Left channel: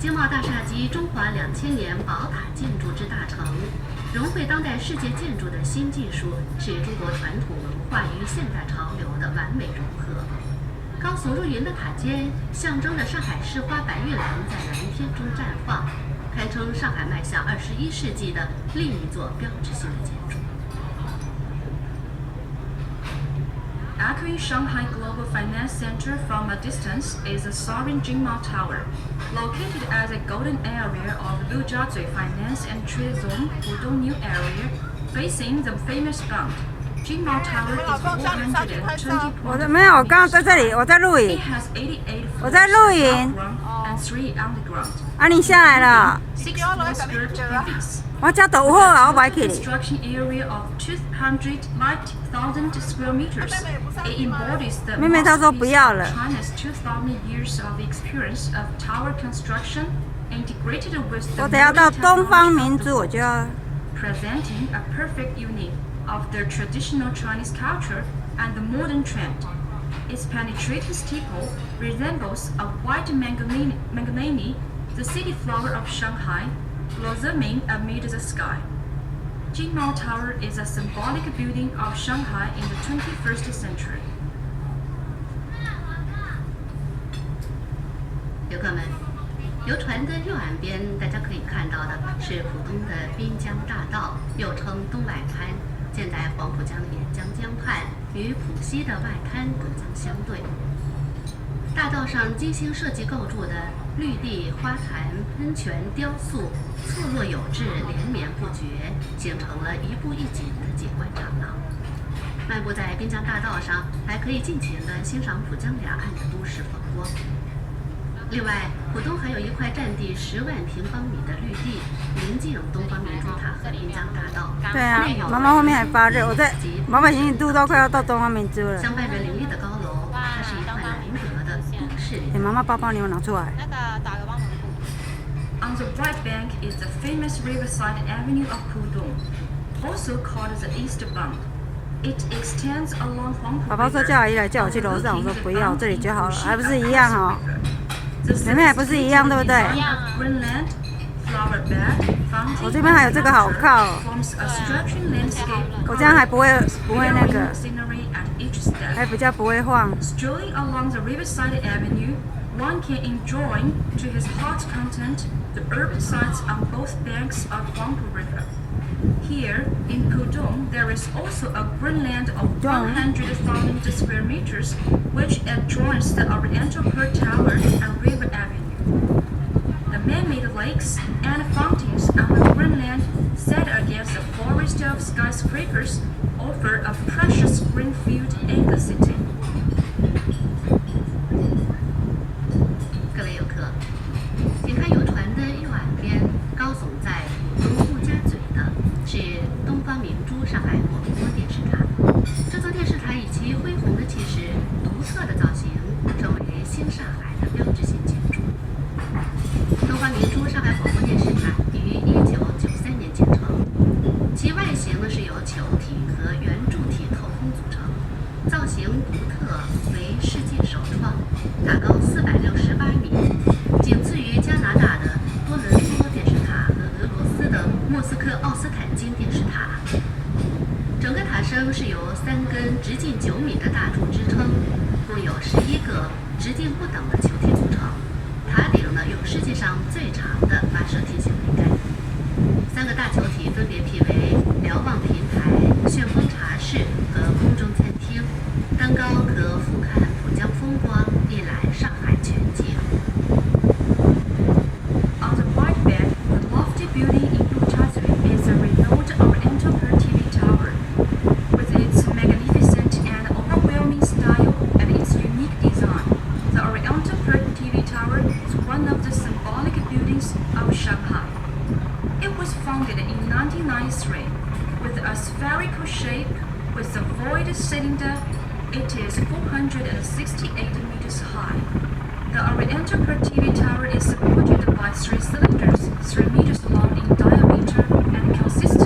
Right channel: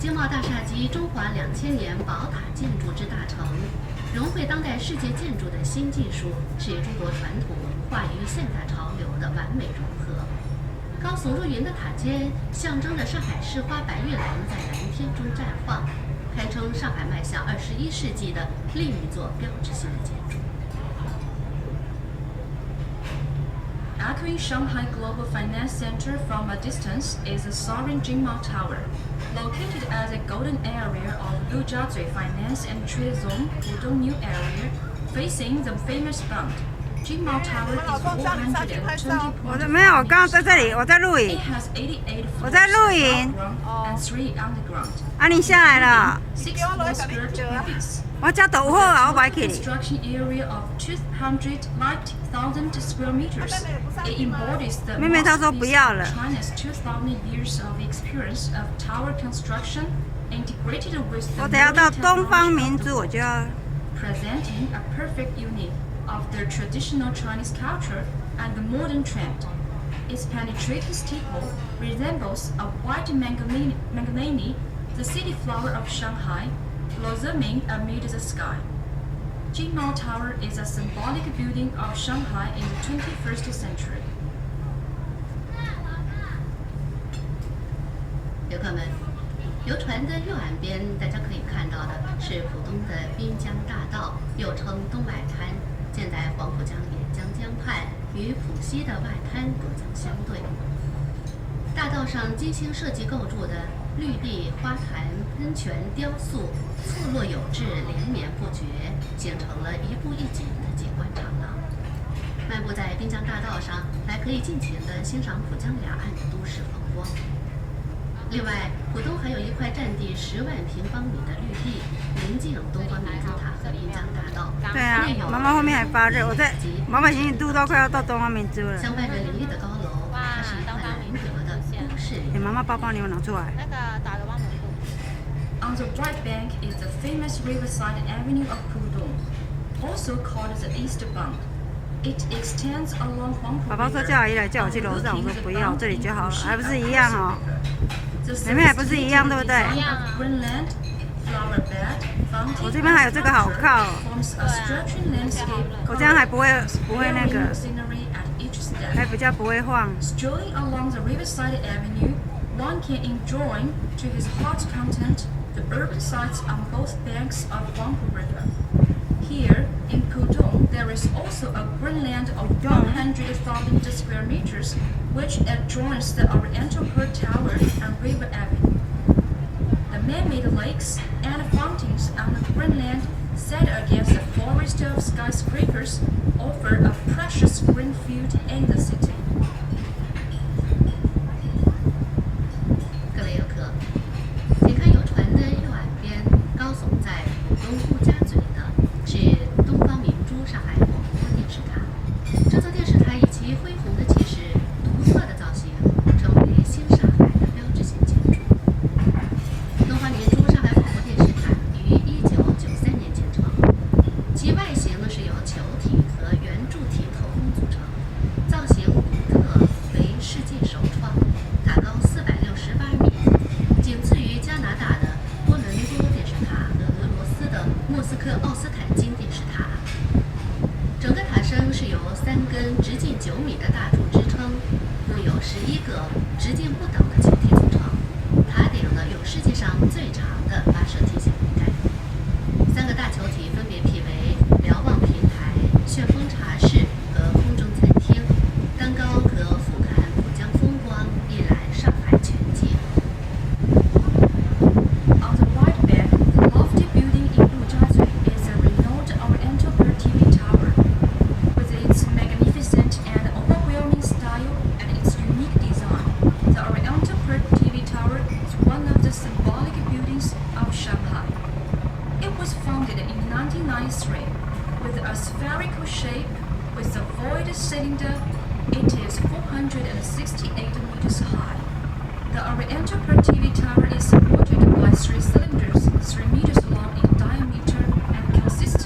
经贸大厦及中华2000年宝塔建筑之大成，融汇当代世界建筑的新技术，是中国传统文化与现代潮流的完美融合。高耸入云的塔尖，象征着上海市花白玉兰在蓝天中绽放，堪称上海迈向21世纪的另一座标志性的建筑。 Echoing Shanghai Global Finance Center from a distance is the soaring Jingmao Tower. Located as a golden area of Yujiazui Finance and Trade Zone Pudong New Area, facing the famous Bund. Jingmao Tower is 420. 我的没有，我刚刚在这里，我在录 It 影。 has 88 我在录影。 and 3 underground. 啊，你下来了。 6 floors skirt cubics. 我家倒好啊，我买起你。 Construction area of 290,000 square meters. It embodies the 妹妹她说不要了。 China's 2,000 years of experience of tower construction, integrated with the 我等下到东方明珠，我就要。 presenting a perfect union of the traditional Chinese culture and the modern trend. Its penetrating steeple resembles a white manganese, the city flower of Shanghai, blossoming amid the sky. Jingmao Tower is a symbolic building of Shanghai in the 21st century. 游客们，游船的右岸边，大家可以看到的是浦东的滨江大道，又称东外滩，建在黄浦江沿江江畔，与浦西的外滩隔江相对。大道上精心设计构筑的绿地、花坛、喷泉、雕塑，错落有致，连绵不绝，形成了一步一景的景观长廊。漫步在滨江大道上，还可以尽情地欣赏浦江两岸的都市风光。另外，浦东还有一块占地10万平方米的绿地，临近东方明珠塔和滨江大道。对啊，妈妈后面还发热，我在妈妈行李肚都快要到东方明珠了。相伴着林立的高楼，它是一块难得的都市。妈妈包包你我拿出来。On the right bank is the famous riverside avenue of Pudong, also called the East Bund. It extends along 黄浦。爸爸说叫阿姨来叫我去楼上，我说不要，这里就好了，还不是一样哦。妹妹还不是一样，对不对？一样啊。我这边还有这个好靠哦。我这样还不会那个，还比较不会晃。 Strolling along the riverside avenue, one can enjoy to his heart's content the urban sights on both banks of Huangpu River. Here in Pudong, there is also a greenland of 100,000 square meters, which adjoins the Oriental Pearl Tower and River Avenue. The man-made lakes and fountains on the greenland, set against the forest of skyscrapers, offer a precious green field in the city. 各位游客，请看游船的右岸边，高耸在浦东陆家嘴的是东方明珠上海广播电视塔。这座电视塔以其恢宏的气势、独特的造型，成为新上海的标志性建筑。东方明珠上海广播电视塔于1993年建成，其外形是由球体和圆柱体透风组成，造型独特，为世界首创，塔高468米，仅次于加拿大的多伦多电视塔和俄罗斯的莫斯科奥斯坦金电视塔。整个塔身是由3根直径9米的大柱支撑，共有11个直径不等的球体组成。塔顶呢有世界上最长的发射梯形栏杆，3个大球体分别辟为瞭望平台、旋风茶室和空中餐厅，登高可俯瞰浦江风光，一览上海全景。 On the right bank, the lofty building in Yujiazui is the renowned Oriental Pearl TV Tower. With its magnificent and overwhelming style and its unique design, the Oriental Pearl TV Tower is one of the symbolic buildings of Shanghai. It was founded in 1993 with a spherical shape with a void cylinder. It is 468 meters high. The Oriental Pearl TV Tower is supported by 3 cylinders, 3 meters long in diameter and consists